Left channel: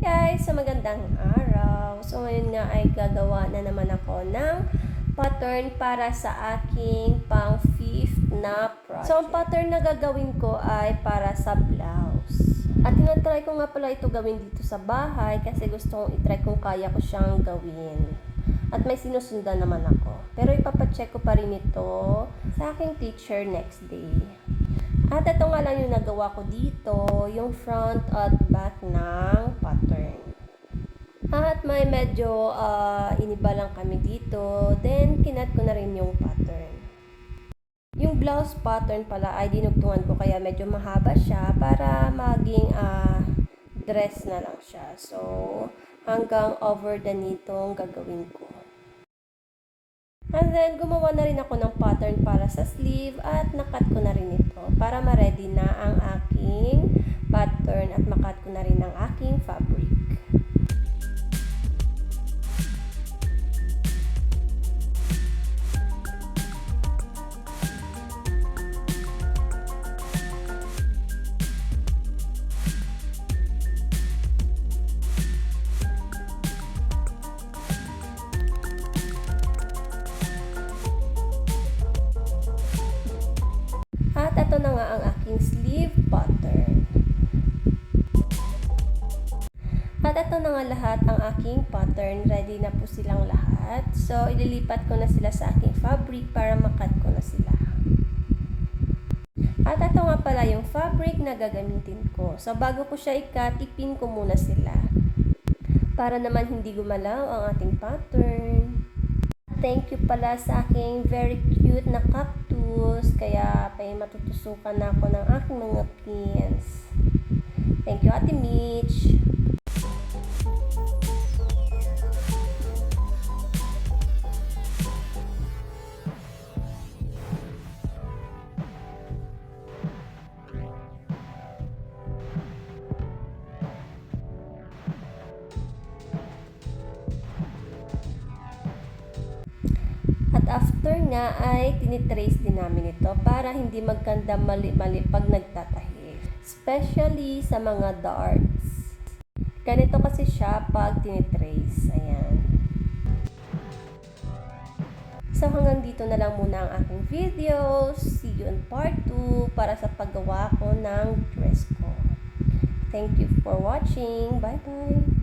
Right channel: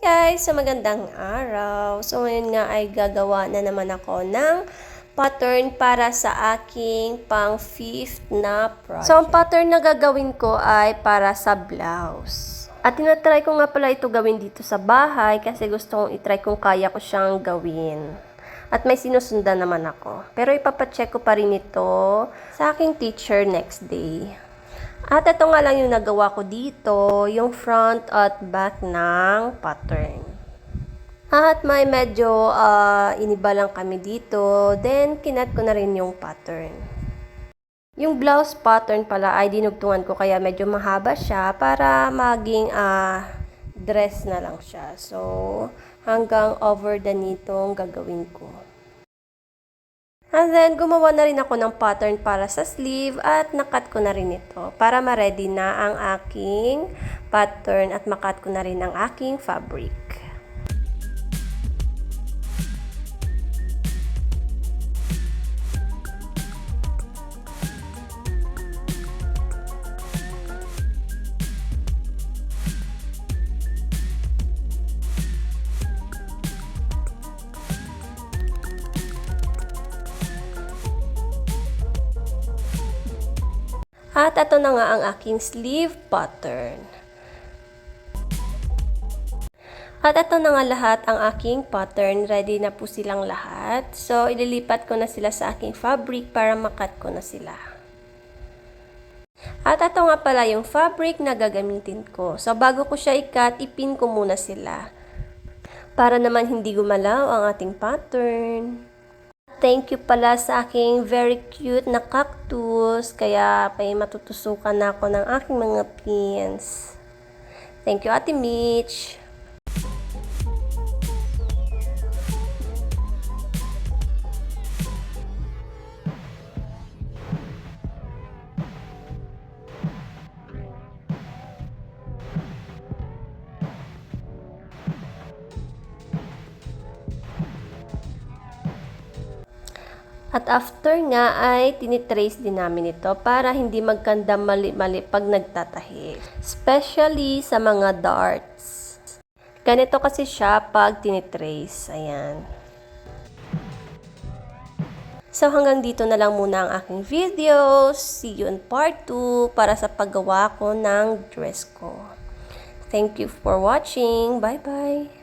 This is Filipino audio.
Guys, so magandang araw. So ngayon nga ay gagawa na naman ako ng pattern para sa aking pang 5th na project. So ang pattern na gagawin ko ay para sa blouse. At tinatry ko nga pala ito gawin dito sa bahay kasi gusto kong itry kung kaya ko siyang gawin. At may sinusundan naman ako. Pero ipapacheck ko pa rin ito sa aking teacher next day. At ito nga lang yung nagawa ko dito, yung front at back ng pattern. At may medyo iniba lang kami dito, then kinat ko na rin yung pattern. Yung blouse pattern pala ay dinugtungan ko kaya medyo mahaba siya para maging dress na lang siya. So, hanggang over the knee itong gagawin ko. And then, gumawa na rin ako ng pattern para sa sleeve at nakat ko na rin ito para ma-ready na ang aking pattern at makat ko na rin ang aking fabric. At ito na nga ang aking sleeve pattern. At ito na nga lahat ang aking pattern. Ready na po silang lahat. So, ililipat ko na sila sa aking fabric para makat ko na sila. At ito nga pala yung fabric na gagamitin ko. So, bago ko siya ikat, ipin ko muna sila. Para naman hindi gumalaw ang ating pattern. Thank you pala sa aking very cute na cactus. Kaya may matutusukan na ako ng aking mga pins. Thank you, Ate Mitch. At after nga ay tinitrace din namin ito para hindi magkanda mali-mali pag nagtatahi. Especially sa mga darts. Ganito kasi siya pag tinitrace. Ayan. So hanggang dito na lang muna ang aking video. See you in part 2 para sa paggawa ko ng dress ko. Thank you for watching. Bye-bye!